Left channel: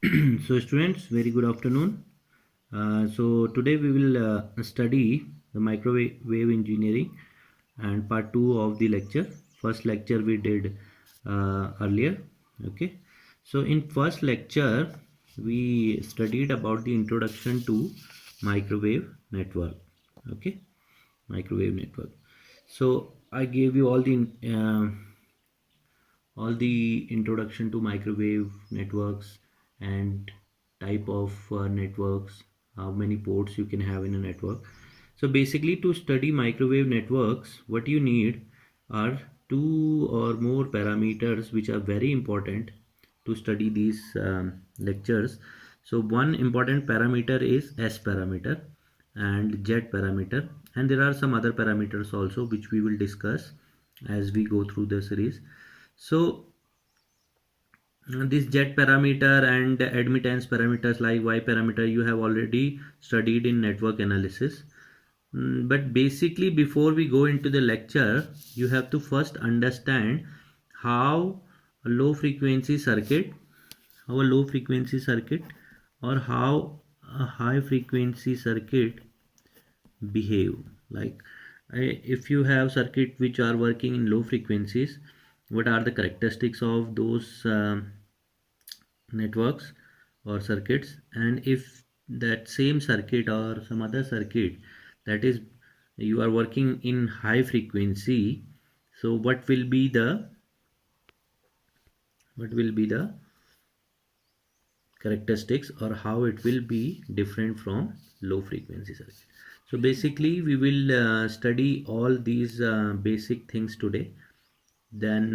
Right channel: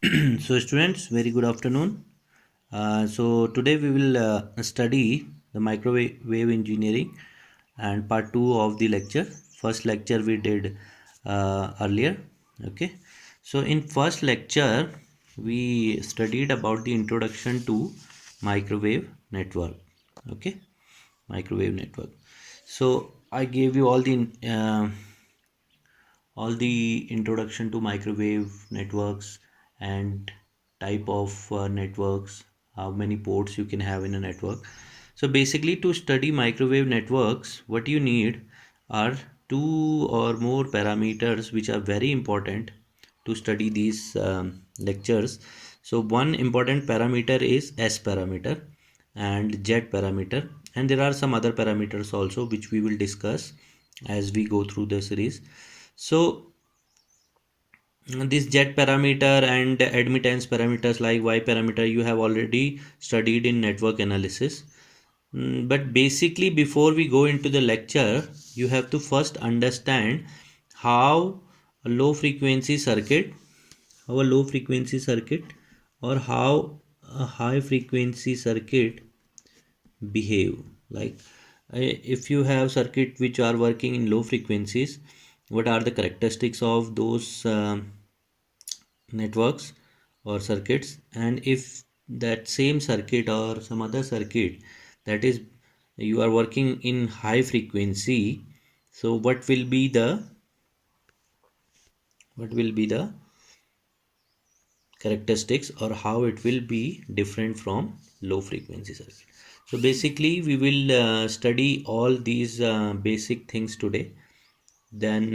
So students, very good afternoon. So today we will study the microwave engineering and part 2 of the lecture. First lecture we did earlier. Okay. So in first lecture we studied about the introduction to microwave network. Okay. Microwave network. So I gave you all the introduction to microwave networks and type of networks, how many ports you can have in a network. So basically, to study microwave networks, what you need are two or more parameters which are very important to study these lectures. So one important parameter is S parameter and Z parameter, and there are some other parameters also which we will discuss as we go through the series. So this Z parameter and admittance parameters like Y parameter you have already studied in network analysis. But basically, before we go into the lecture, you have to first understand how a low frequency circuit, or how a high frequency circuit behave. Like if you have circuit which are working in low frequencies, what are the characteristics of those networks or circuits, and if that same circuit or some other circuit that is you are working in high frequency, so what will be the characteristics or how it will be different from low frequency circuit. So basically we will study all these basic things today. Then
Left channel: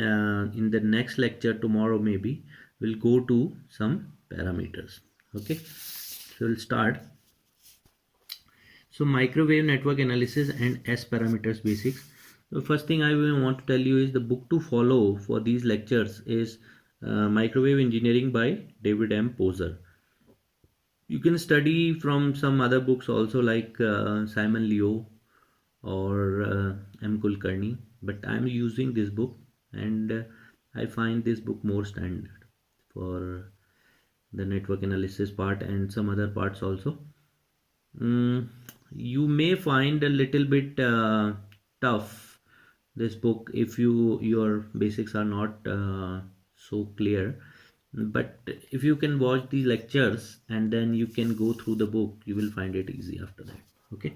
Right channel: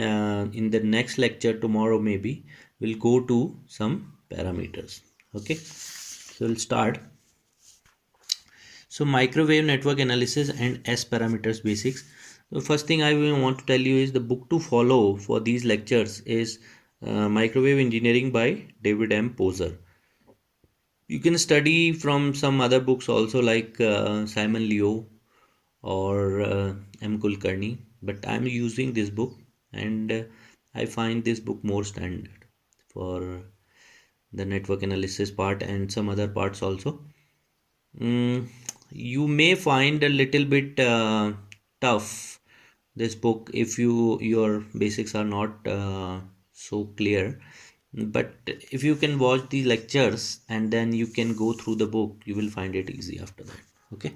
in the next lecture tomorrow maybe we'll go to some parameters. Okay, so we'll start. So microwave network analysis and S parameters basics. The first thing I will want to tell you is the book to follow for these lectures is Microwave Engineering by David M. Poser. You can study from some other books also like Simon Leo or M. Kulkarni, but I'm using this book, and I find this book more standard for the network analysis part and some other parts also. Mm, you may find a little bit tough this book if your basics are not so clear, but if you can watch the lectures and then you can go through the book, you will find it easy after that. Okay,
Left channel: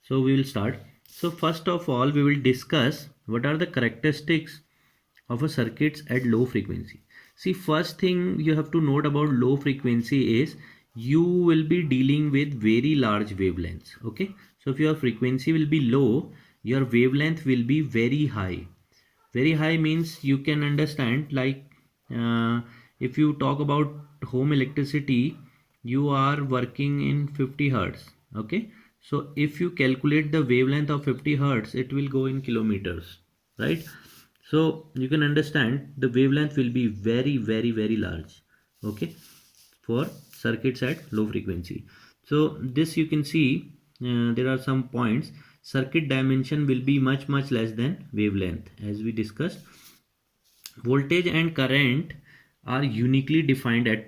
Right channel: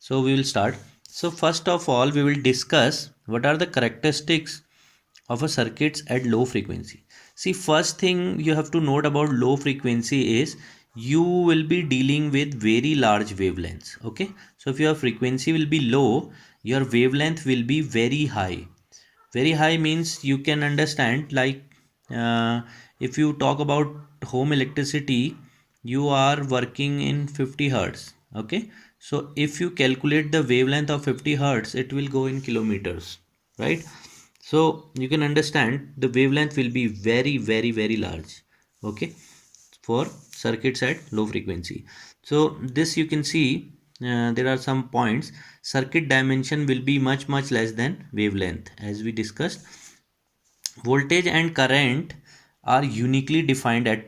so we will start. So first of all we will discuss what are the characteristics of a circuits at low frequency. See, first thing you have to note about low frequency is you will be dealing with very large wavelengths. Okay, so if your frequency will be low, your wavelength will be very high. Very high means you can understand like uh, if you talk about home electricity, you are working in 50 hertz. Okay, so if you calculate the wavelength of 50 hertz, it will go in kilometers, right? So you can understand the wavelength will be very very very large. Okay, for circuits at low frequency. So this you can see there are some points. Circuit dimension will be much less than wavelength as we discussed. Voltage and current are uniquely defined at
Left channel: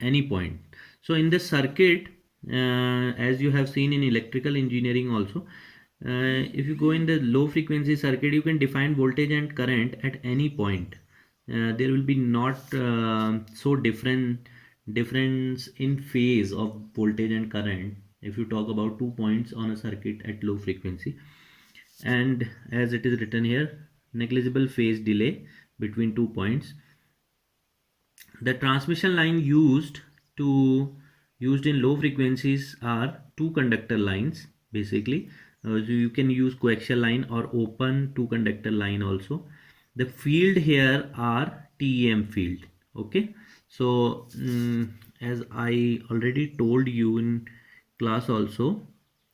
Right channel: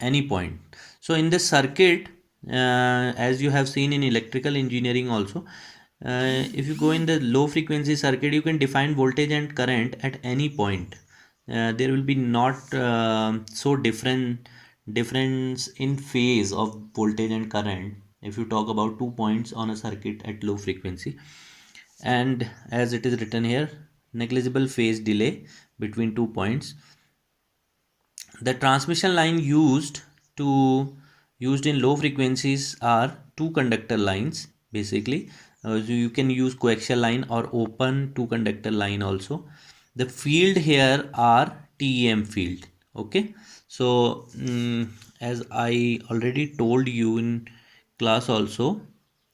any point. So in the circuit, as you have seen in electrical engineering also, if you go in the low frequency circuit, you can define voltage and current at any point. There will be not so difference in phase of voltage and current if you talk about 2 points on a circuit at low frequency. And as it is written here, negligible phase delay between 2 points. The transmission line used in low frequencies are two conductor lines basically. So you can use coaxial line or open two conductor line also. The field here are TEM field. Okay, so as I already told you in class also,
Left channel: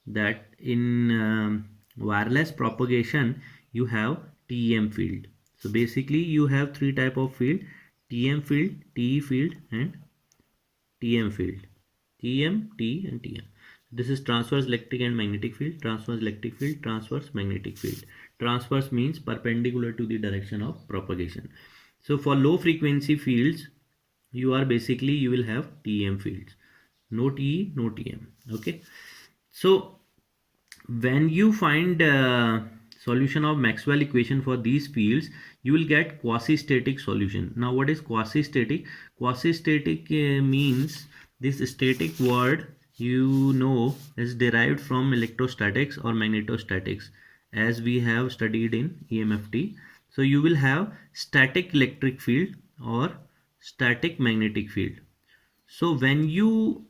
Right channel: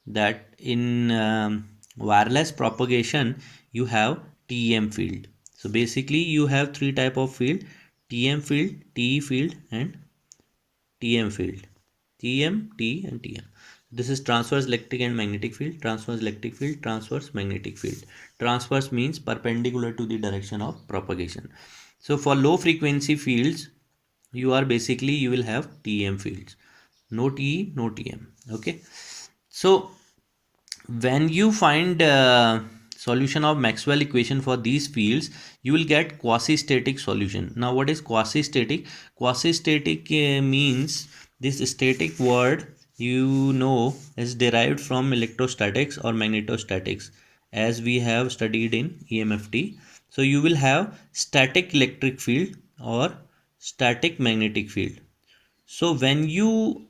that in wireless propagation you have TEM field. So basically you have three type of field: TM field, TE field, and TM field. TM, T, and TM. This is transverse electric and magnetic field, transverse electric field, transverse magnetic field. Transverse means perpendicular to the direction of propagation. So for low frequency fields, you are basically, you will have TEM fields, no TE, no TM. Okay, so when you find solution of Maxwell equation for these fields, you will get quasi-static solution. Now what is quasi-static? Quasi-static means, this static word you know is derived from electrostatics or magnetostatics, as we have studied in EMFT. So you will have static electric field or static magnetic field. So when you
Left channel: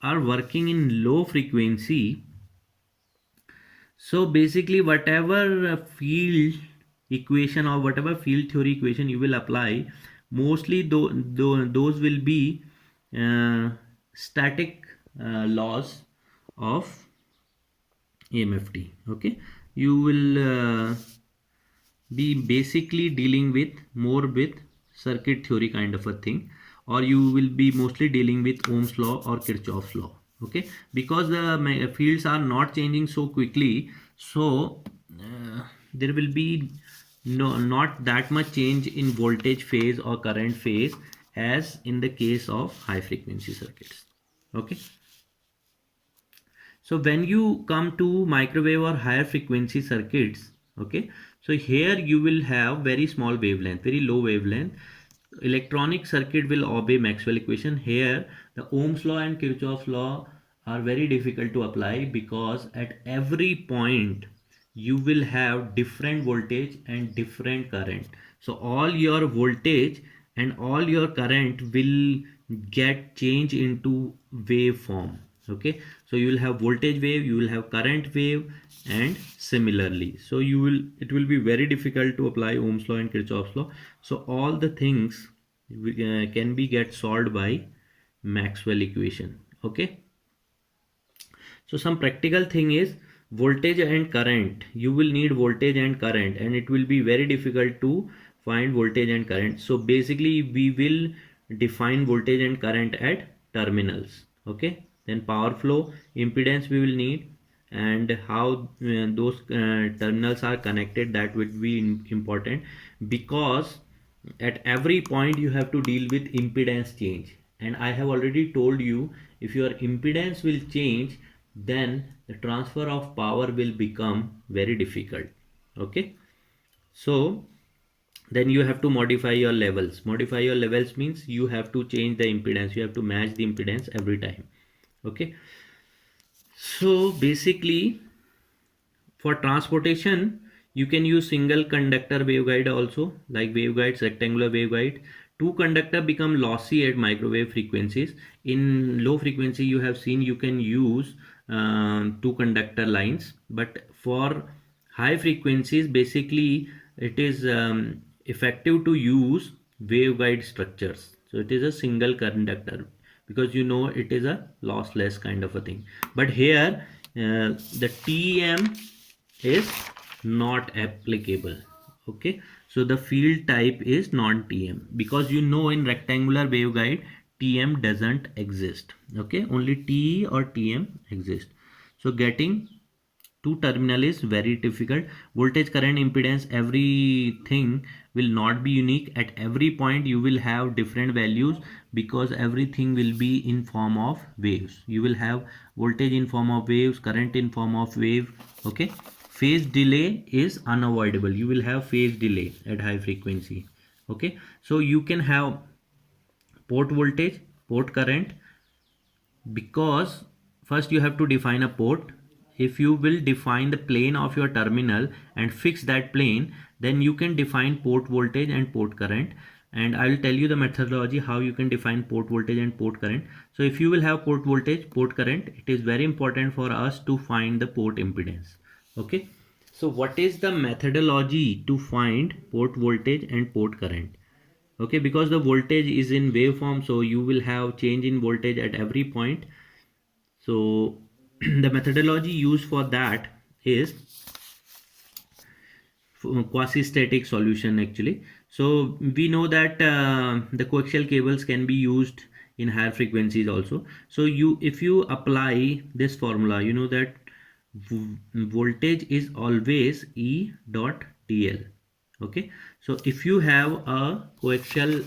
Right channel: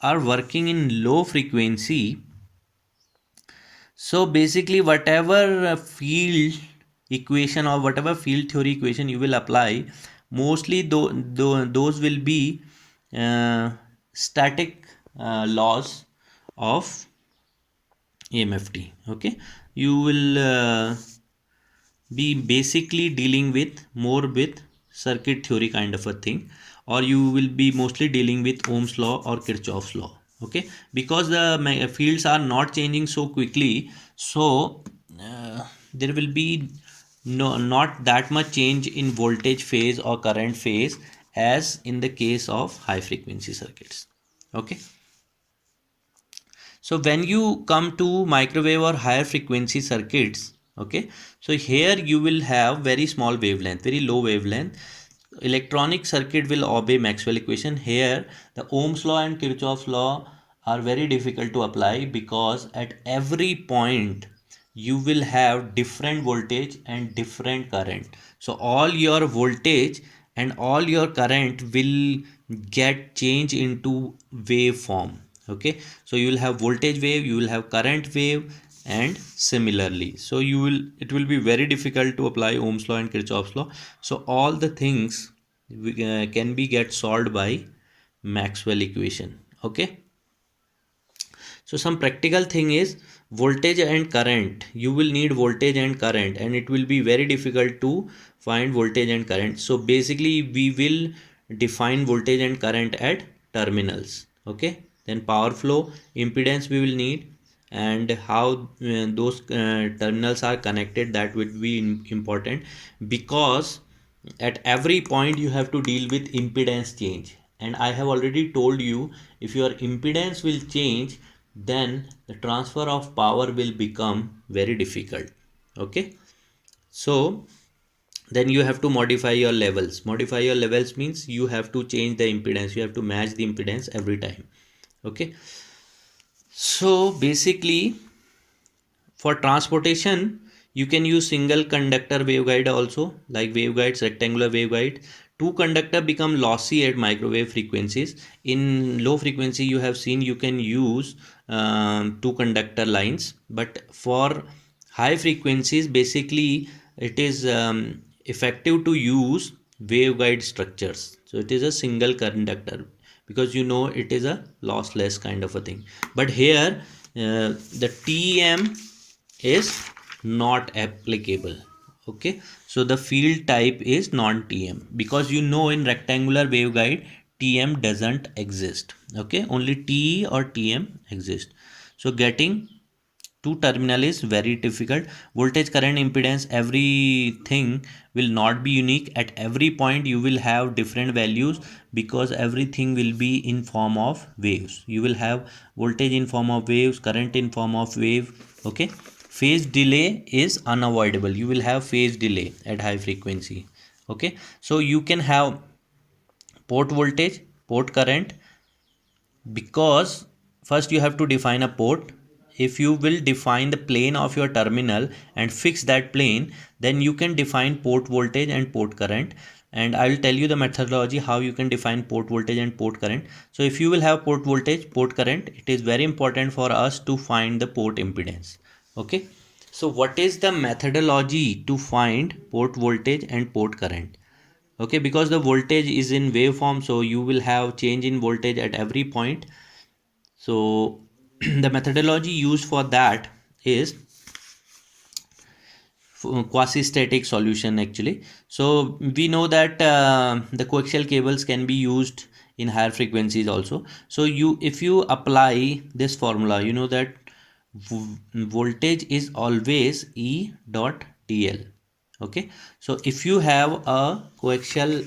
are working in low frequency, so basically whatever field equation or whatever field theory equation you will apply, mostly those will be uh, static laws of EMFT. Okay, you will be basically dealing with more with circuit theory kind of a thing, or you will be mostly dealing with Ohm's law or Kirchhoff's law. Okay, because the fields are not changing so quickly, so there will be not that much change in voltage phase or current phase as in the case of high frequency circuits. Okay, so when you come to microwave or higher frequency circuits, okay, so here you will have very small wavelength, very low wavelength. Electronic circuit will obey Maxwell equation. Here the Ohm's law and Kirchhoff's law are very difficult to apply, because at every point you will have different voltage and different current. So all your voltage and all your current will get changed into waveform. Okay, so you will have voltage wave, you will have current wave, and similarly, so you will, it will be very difficult to apply Ohm's law and Kirchhoff's law. So all the things can be get solved by Maxwell equation. Okay, so some practical thing is voltage and current. You will need voltage and current, and it will be very difficult to find voltage and current. So basically we will define voltage and current at terminals. Okay, then power flow, impedance we will need, and how those terminals are connected, that would be important, because at every point you have to deal with impedance change. And I have already told you, if your impedance will change, then the transfer of power will become very difficult. Okay, so then you have to modify your levels. Modify your levels means you have to change the impedance, you have to match the impedance every time. Okay, so basically for transportation, you can use single conductor waveguide also, like waveguides, rectangular waveguide. Two conductor become lossy at microwave frequencies. In low frequency, you have seen you can use two conductor lines, but for high frequencies, basically it is effective to use waveguide structures. So it is a single conductor, because you know it is a lossless kind of a thing. But here the TM is not applicable. Okay, so the field type is non-TM, because you know in rectangular waveguide TM doesn't exist. Okay, only TE or TM exist. So getting two terminal is very difficult. Voltage, current, impedance, everything will not be unique. At every point you will have different values, because everything will be in form of waves. You will have voltage in form of waves, current in form of wave. Okay, phase delay is unavoidable. You will have phase delay at high frequency. Okay, so you can have port voltage, port current, because first you have to define a port. If you will define the plane of your terminal and fix that plane, then you can define port voltage and port current. And I will tell you the methodology how you can define port voltage and port current. So if you will have port voltage, port current, it is very important for us to find the port impedance. Okay, so what is the methodology to find port voltage and port current? Okay, because the voltage is in waveform, so you will have change in voltage at every point. So the methodology used for that is quasi-static solution actually. So we know that the coaxial cables can be used in higher frequencies also. So you, if you apply this formula, you know that voltage is always E dot dl. Okay, so if you have a coaxial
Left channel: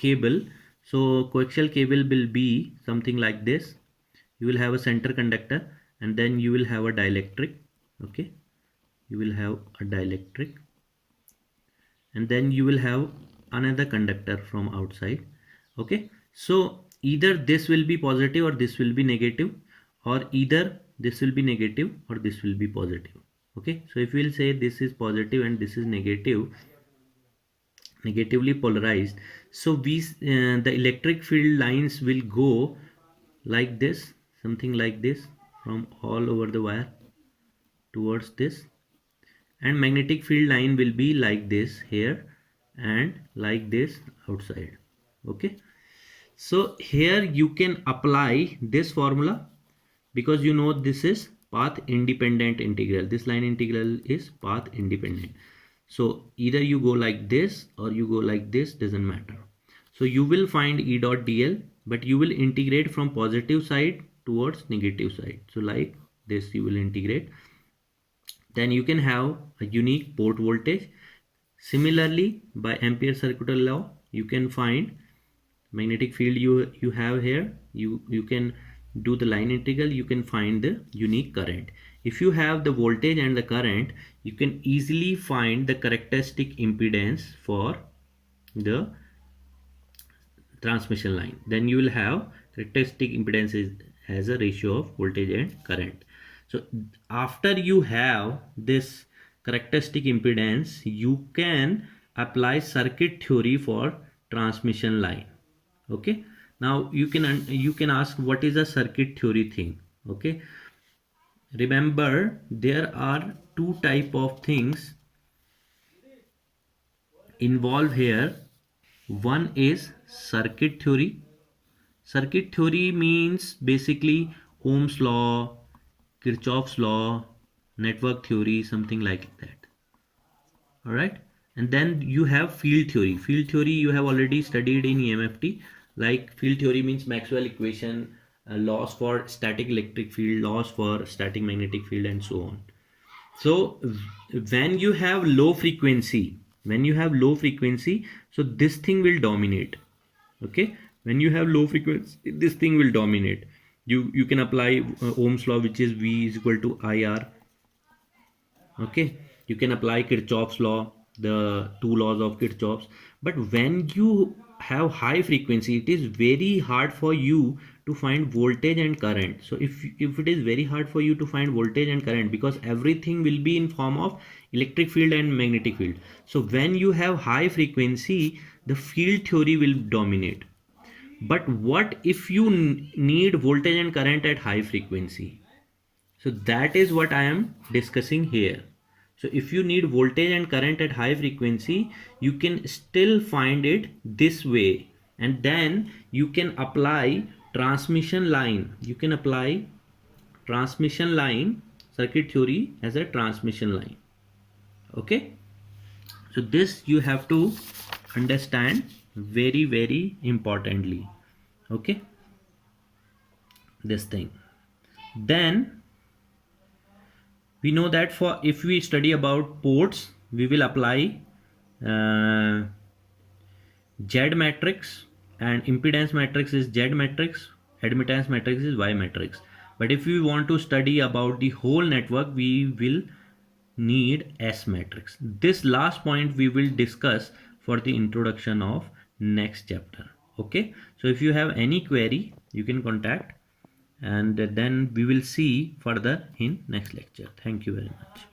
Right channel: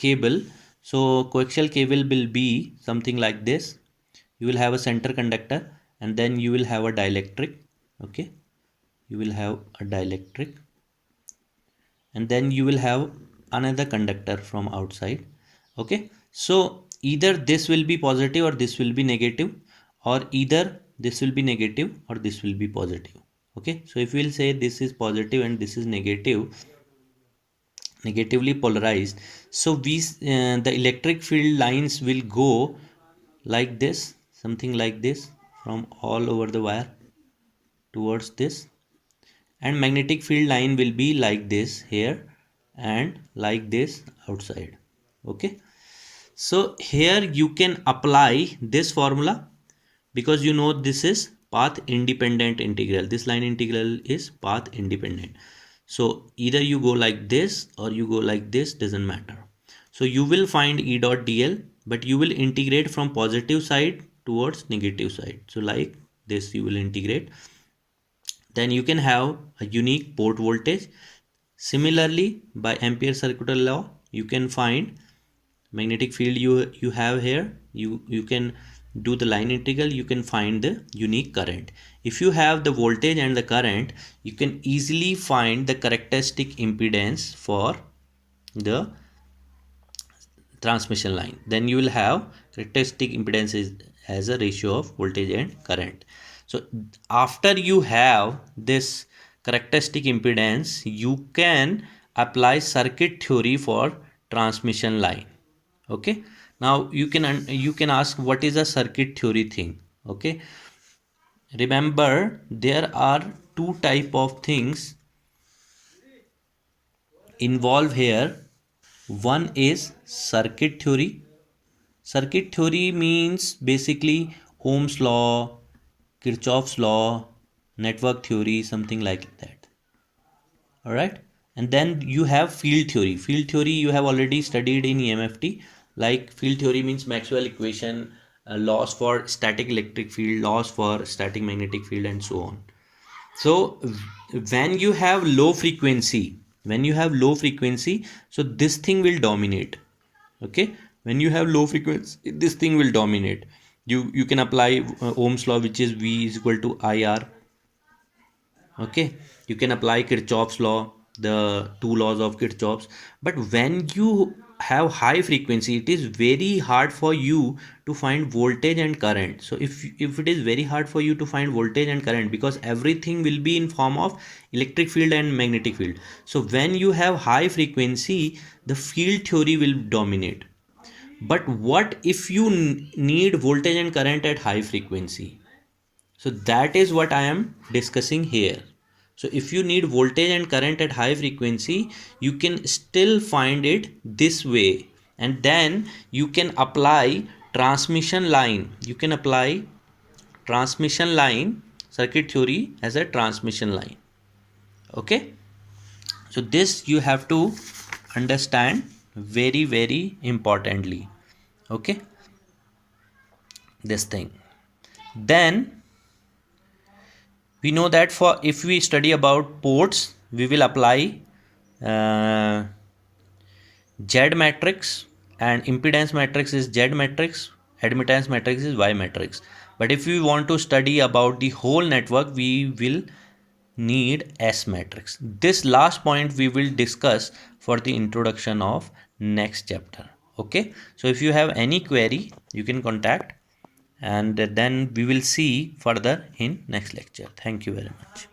cable, So coaxial cable will be something like this. You will have a center conductor and then you will have a dielectric. Okay, you will have a dielectric and then you will have another conductor from outside. Okay, so either this will be positive or this will be negative, or either this will be negative or this will be positive. Okay, so if we'll say this is positive and this is negative, negatively polarized, so the electric field lines will go like this, something like this, from all over the wire towards this, and magnetic field line will be like this here and like this outside. Okay, so here you can apply this formula, because you know this is path independent integral. This line integral is path independent. So either you go like this or you go like this, doesn't matter. So you will find E dot dl, but you will integrate from positive side towards negative side. So like this you will integrate. Then you can have a unique port voltage. Similarly, by Ampere circuital law, you can find magnetic field you have here. You can do the line integral, you can find the unique current. If you have the voltage and the current, you can easily find the characteristic impedance for the transmission line. Then you will have characteristic impedances as a ratio of voltage and current. So after you have this characteristic impedance, you can apply circuit theory for transmission line. Okay, now you can ask what is a circuit theory thing. Okay, remember there are two type of things involved here. One is circuit theory. Circuit theory means basically Ohm's law, Kirchhoff's law, network theory, something like that. All right, and then you have field theory. Field theory you have already studied in EMFT. Like field theory means Maxwell equation, laws for static electric field, laws for static magnetic field, and so on. So when you have low frequency, so this thing will dominate. Okay, when you have low frequency, this thing will dominate. You can apply Ohm's law, which is V is equal to IR. Okay, you can apply Kirchhoff's law, the two laws of Kirchhoff's. But when you have high frequency, it is very hard for you to find voltage and current. So if it is very hard for you to find voltage and current, because everything will be in form of electric field and magnetic field. So when you have high frequency, the field theory will dominate. But what if you need voltage and current at high frequency? So that is what I am discussing here. So if you need voltage and current at high frequency, you can still find it this way. And then you can apply transmission line. You can apply transmission line circuit theory as a transmission line. Okay. So this you have to understand very, very importantly. Okay. This thing. Then we know that for if we study about ports, we will apply Z matrix, and impedance matrix is Z matrix, admittance matrix is Y matrix. But if we want to study about the whole network, we will need S matrix. This last point we will discuss for the introduction of next chapter. Okay, so if you have any query, you can contact, and then we will see further in next lecture. Thank you very much.